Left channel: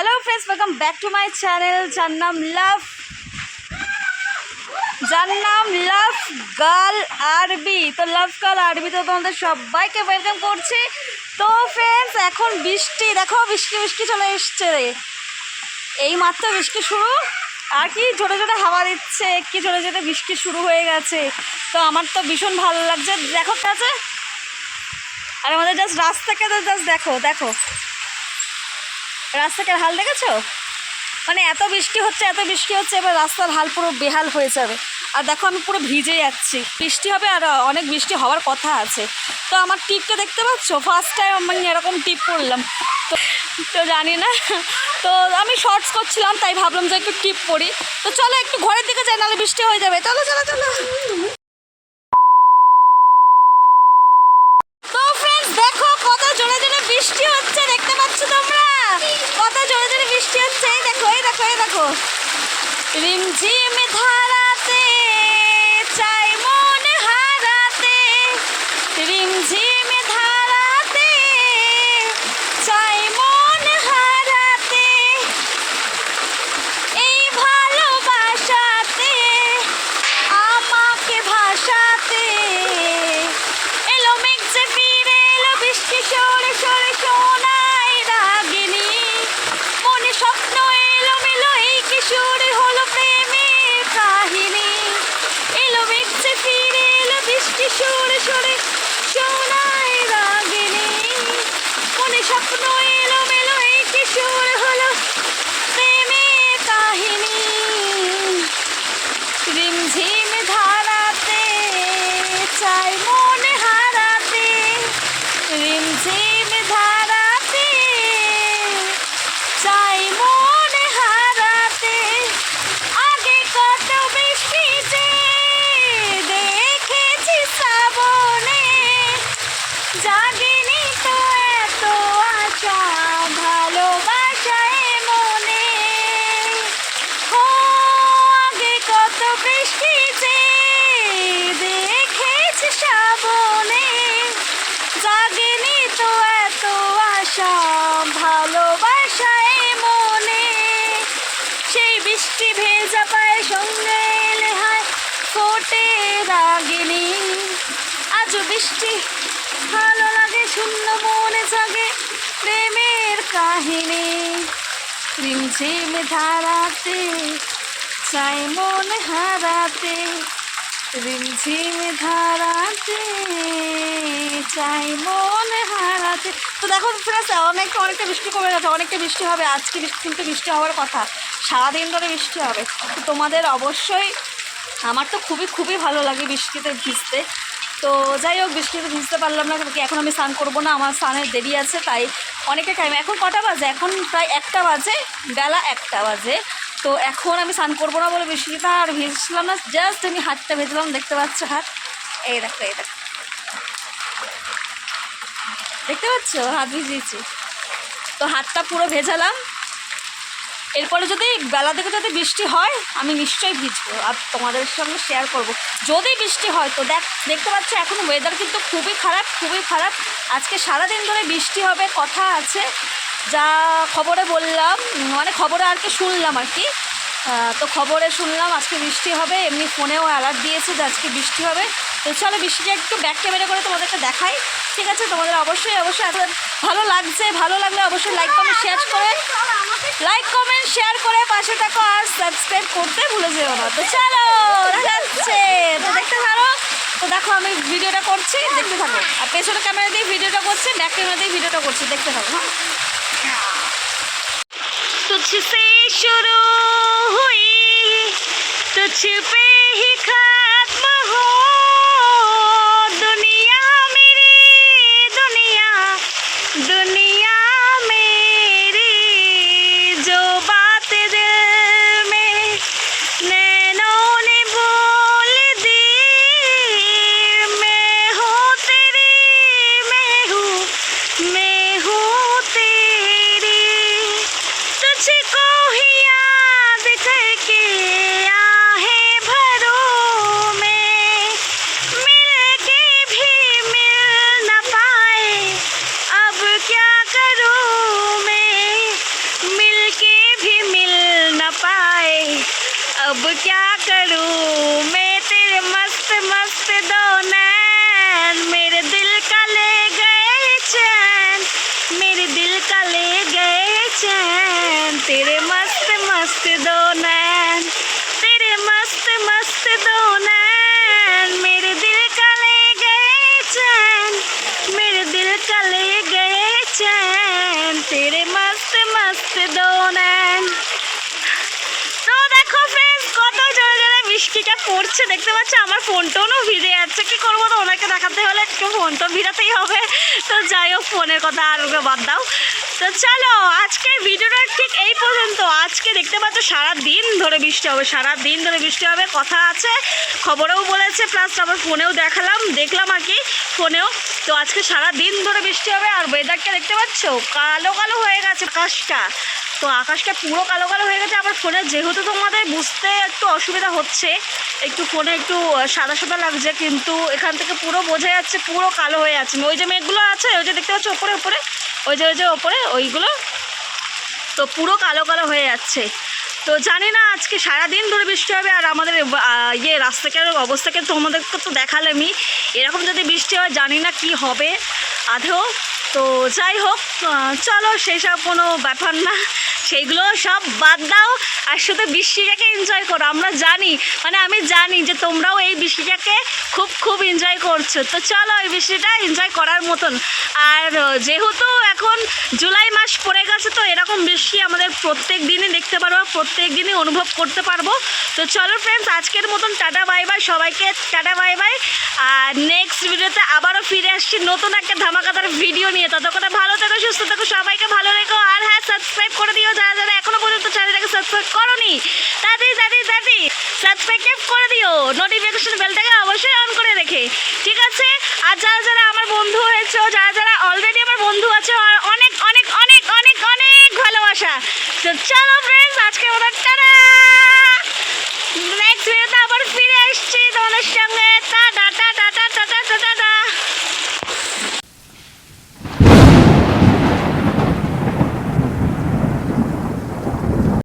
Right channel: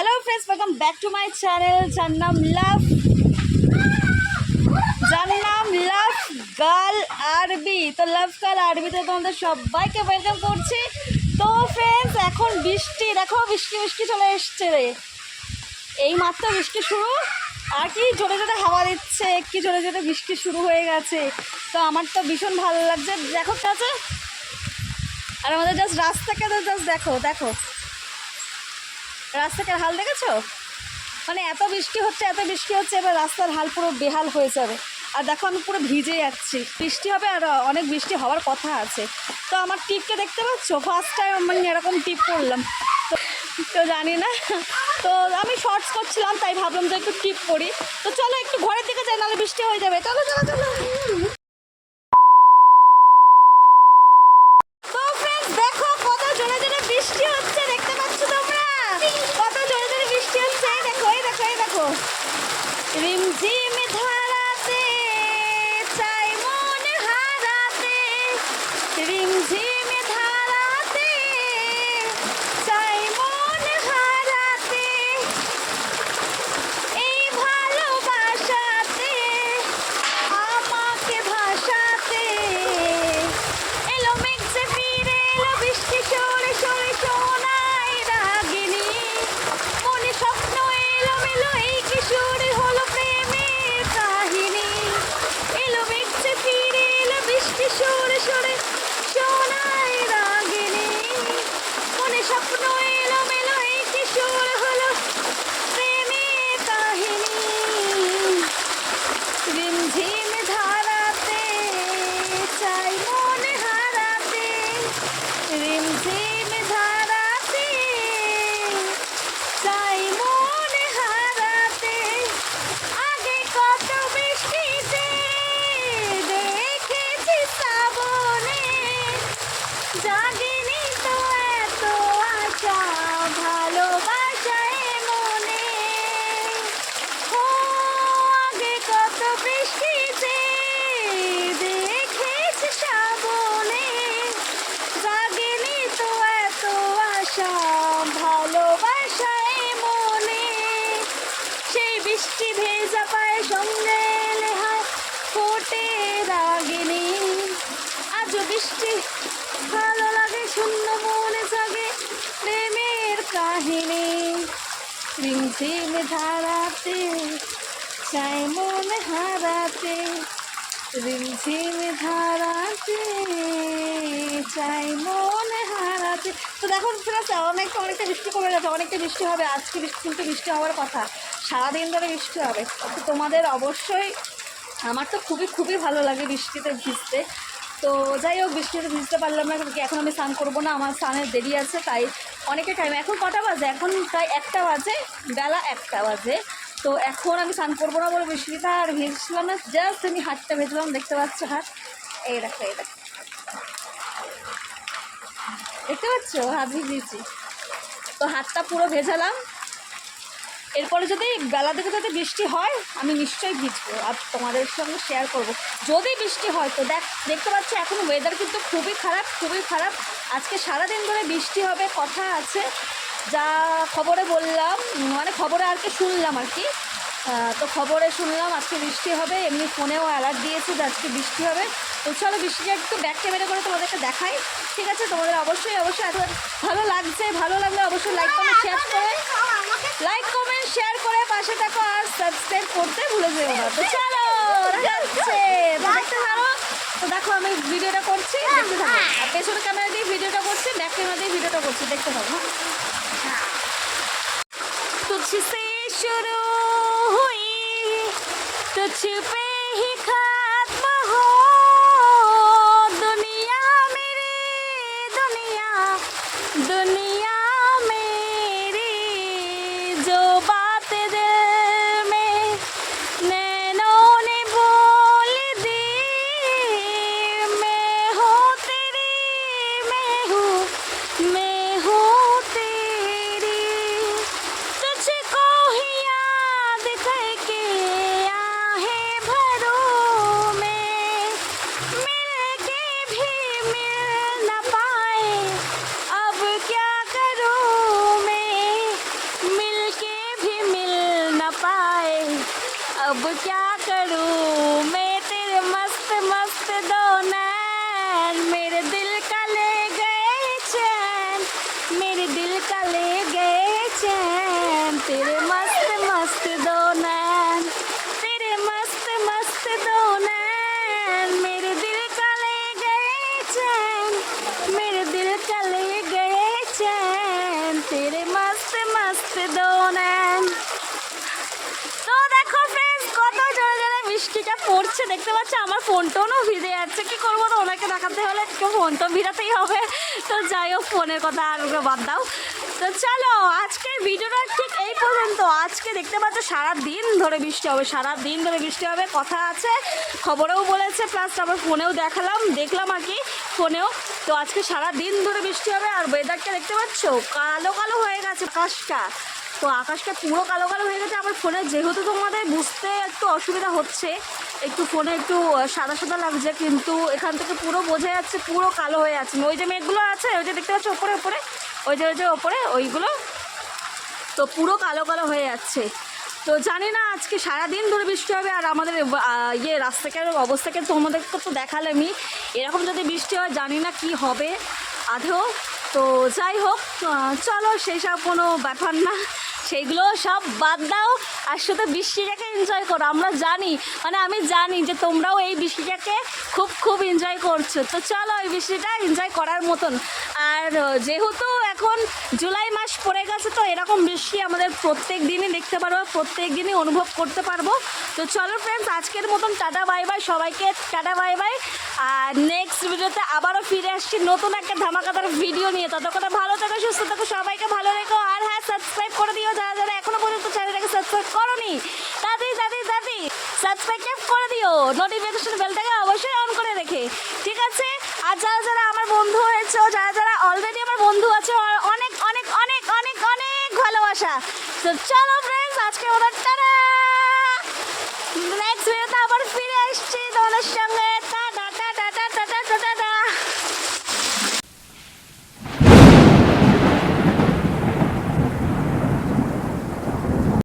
Hello friends, welcome back to my channel যার নাম লাভ girl আরবি। তো লাভ গার্ল আরবিতে তোমাদের সবাইকে ওয়েলকাম করছি। তো ফ্রেন্ডস, এখন বৃষ্টি দেখো, বৃষ্টি চলে এসছে রে। এই মাত্র বৃষ্টি শুরু, আর কি জোরে জোরে হাওয়া দিচ্ছে, কি জোরে জোরে বৃষ্টি শুরু হয়ে গেছে। তো আমার তো ভীষণ ভালো লাগছে। দেখো কাছে, আর আমাদের জাস্ট রাস্তাকে জাস্ট দেখো রাস্তাটার হাল দেখেছো? মানে এত বৃষ্টি হচ্ছে এবার রাস্তার হাল পুরো বেহাল হয়ে যাবে। আর দেখো আমি পুরো ভিজে যাচ্ছি, বৃষ্টি হবে আর অনেক বৃষ্টি হওয়ার কথা আছে। তো আমার টিপটা দেখতে পাচ্ছ, ফার্স্ট টাইম আমি এরকম টিপ করলাম। তো জানি না, তো আমি শর্টস করছিলাম তাই ভাবলাম যে একটু টিপ করি। তো চলো একটু ঘরের দিকে যাই, নাহলে বৃষ্টি হয়ে যাবে। চলো। তো ফ্রেন্ডস দেখো, কত জোরে জোরে বৃষ্টি হচ্ছে, দেখতে পাচ্ছ তোমরা? কত জোরে জোরে বৃষ্টি হচ্ছে। এই দেখো রিমঝিম ধারাতে চাই মন হারাতে, রিমঝিম ধারাতে চাই মন হারাতে, এই ভালোবাসাতে আমাকে ভাসাতে, এলো মেঘ যে ফিরে এলো, বৃষ্টি সরে সরে শোনায় রাগিনী, মনে স্বপ্ন এলো মেলো, এই কিশোরে হলো প্রেমের কাহিনী। এলো মেঘ যে ফিরে এলো, বৃষ্টি সরে সরে শোনায় রাগিনী, মনে স্বপ্ন এলো মেলো, এই কিশোরে হলো প্রেমের কাহিনী। রিমঝিম ধারাতে চাই মন হারাতে, রিমঝিম ধারাতে চাই মন হারাতে, আগে কত বৃষ্টিতে দেখেছি শ্রাবণে, জাগেনি তো এত আশা ভালোবাসায় মনে। ও আগে কত বৃষ্টিতে দেখেছি শ্রাবণে, জাগেনি তো এত আশা ভালোবাসায় মনে। সেই বৃষ্টি ভেজা পায়ে সঙ্গে এলে হায় ফোটে রাগিনী, আজও বৃষ্টি ভালো লাগে, শূন্য মনে জাগে প্রেমের কাহিনী। রিমঝিম ধারাতে চাই মন হারাতে, রিমঝিম ধারাতে চাই মন হারাতে। তো দেখো ফ্রেন্ডস, অনেকটা বৃষ্টি কমে গেছে, অনেকটা বৃষ্টি হবে আজকে। কিন্তু বৃষ্টি হওয়ার কথা, সারাদিন ধরে বৃষ্টি হবে। তো তোমাদের অবশ্যই, আমার তো খুবই ভালো লাগে বৃষ্টিতে ভিজতে। তো যাই হোক, বৃষ্টিতে ভিজতে পারলাম না, কারণ কি এখন আমি স্নান করবো না, আমার স্নানের দেরি আছে। তাই অনেকটা টাইম, এখন কটা বাজে? এখন প্রায় 1টা বাজে, বেলা 1টা বাজে। তো এখন আমি স্নান করবো না বলে বৃষ্টিটা আর ভিজছিলাম না, জাস্ট আমি হাতটা ভেজলাম, দেখতে পাচ্ছ হাত, এই দেখো দেখতে পাচ্ছ হাত ভিজিয়েছি। তো হাতটা পুরো ভেজালাম। এরপরে যদি বেলা থেকে যদি বৃষ্টি হয়, আমি নিশ্চয়ই ভিজবো আর তোমাদের সঙ্গে শেয়ার করব যদি বৃষ্টি হয়। তো দেখতে পাচ্ছ এখন ওয়েদার কিন্তু খুবই খারাপ। আজকে সারাদিন ধরে বৃষ্টি হবে কথা আছে, যা খবরে বললাম, মানে খবরে আর কি শুনলাম আর কি। তো খবরে শুনলাম আজকে বৃষ্টি হবে, এমনি ফোনেও অ্যালার্ট দিয়েছে যে আজকে বৃষ্টি হবে। তো চলো বৃষ্টিটা একটু ব্যাক ক্যামেরা করে তোমাদেরকে দেখাই, ঠিক আছে? তোমাদের অবশ্যই এত ভালো লাগলে অবশ্যই লাইক কমেন্ট শেয়ার করে পাশে থাকো, আর সাবস্ক্রাইব করতে ভুলে যেও না। তো চলো দেখা যাচ্ছে, তো দেখতে থাকো। তো দেখো আমি ভিডিওটা করছি, দেখতে থাকো। আর পেছনে ক্যামেরা দিয়ে ভিডিওটা করছি, ব্যাক ক্যামেরা দিয়ে ভিডিওটা করছি, দেখতে থাকো। হ্যাঁ, तुझसे शुरू हुई तुझ पे ही खत्म हो दुनिया मेरी, दुनिया मेरी, जो बात दिल में नैनों ने बोल दी, मैं हूँ तेरी, मैं हूँ तेरी, तुझको ही याद करके आहे भरों में, मिल के भी मिल न पाए, अब क्या करूँ मैं, मिल आए अब क्या करूं मैं तेरे मस्त मस्त दो नैन मेरे दिल का ले गए चैन मेरे दिल का ले गए चैन तेरे मस्त मस्त दो नैन तेरे मस्त मस्त दो नैन मेरे दिल का ले गए चैन मेरे दिल का ले गए चैन तेरे मस्त मस्त दो नैन। তো দেখো ফ্রেন্ডস কত জোরে জোরে বৃষ্টিটা পড়ছে দেখতে পাচ্ছ, আমার ফোনটাও ভিজে যাচ্ছে। কি করবো, তো ওনাকে দেখাতে হলে একটু ফোন তো ভিজাতেই হবে। তো যাই হোক, ফোনের কথা আর ওকে বাদ দাও। তো চলো আজকের ভিডিওটা ঠিক এই পর্যন্ত। আজকে দেখতে পাচ্ছ সারা দিন ধরে বৃষ্টি হবে, সারা দিন ধরে বৃষ্টি হবে কথা আছে, খবরেও বলেছে, প্লাস আমার ফোনেও দেখলাম আর কি ফোনেও। তো আজকে সারা দিন ধরে বৃষ্টি হবে। আর ওয়েদারটা দেখতে পাচ্ছ কালো কালো হয়ে গেছে আকাশটা, তো আকাশটা পুরো কালো কালো হয়ে গেছে। আমার ফোনে যেহেতু তোমাদের বুঝতে একটু অসুবিধা হচ্ছে, একটু ফোনে একটু সাদা সাদা লাগছে, কিন্তু এখান থেকে পুরো বোঝা যাচ্ছে পুরো কালো হয়ে আছে। ওই যে মেঘগুলো আছে, ওই যে দেখতে পাচ্ছ ওপরে ওপরে, ওই যে ওপরে ওইগুলো, তো পুরো কালো কালো হয়ে যাচ্ছে। তো জানি না আজকে সারাদিন ধরে বৃষ্টি হবে। আর আমাদের রাস্তাঘাটের অবস্থাকে তোমাদেরকে তো দেখালামই, এরকম যদি বৃষ্টি হয় জানি না কি হবে আধেও। তো যাই হোক, চলো সেসব কোনো ব্যাপার না, সেইগুলো সব বাদ দাও, আর শুধু বৃষ্টিটাকে এনজয় করো। আমরা জানি, মানে আমি জানি যে তোমরাও এই বৃষ্টিটাকে খুব এনজয় করছো। তো চলো এই বৃষ্টিটা এনজয় করার মতন। আর যেহেতু এখন জুলাই মাস পড়ে গেছে, তো এরকম বৃষ্টি আমাদের প্রত্যেক দিনই দেখতে পারবো, প্রত্যেক দিনই অনুভব করতে পারবো। তো চলো ফ্রেন্ডস, আজকের মতন টাটা বাই বাই, সবাইকে টাটা বাই বাই। আর নেক্সট ভিডিওতে আবারও ফিরে আসছি নতুন একটা ধামাকাদার ভিডিও নিয়ে। ততক্ষণে ভালো থেকো, সুস্থ থেকো, সবাইকে ভালো রেখো। আর হ্যাঁ, সাবস্ক্রাইব করে দিও যারা যারা এখনো পর্যন্ত চ্যানেলটাকে সাবস্ক্রাইব করোনি, তাড়াতাড়ি সাবস্ক্রাইব করে দিও, নোটিফিকেশন বেলটাকে অবশ্যই অন করে রেখে, ঠিক আছে? আর যারা যারা আমার বন্ধু হয়েছে, যারা যারা অলরেডি আমার বন্ধু আছে, অনেক অনেক অনেক অনেক অনেক ভালোবাসা। তো চলো ফ্রেন্ডস, আজকে ওরা টাটা।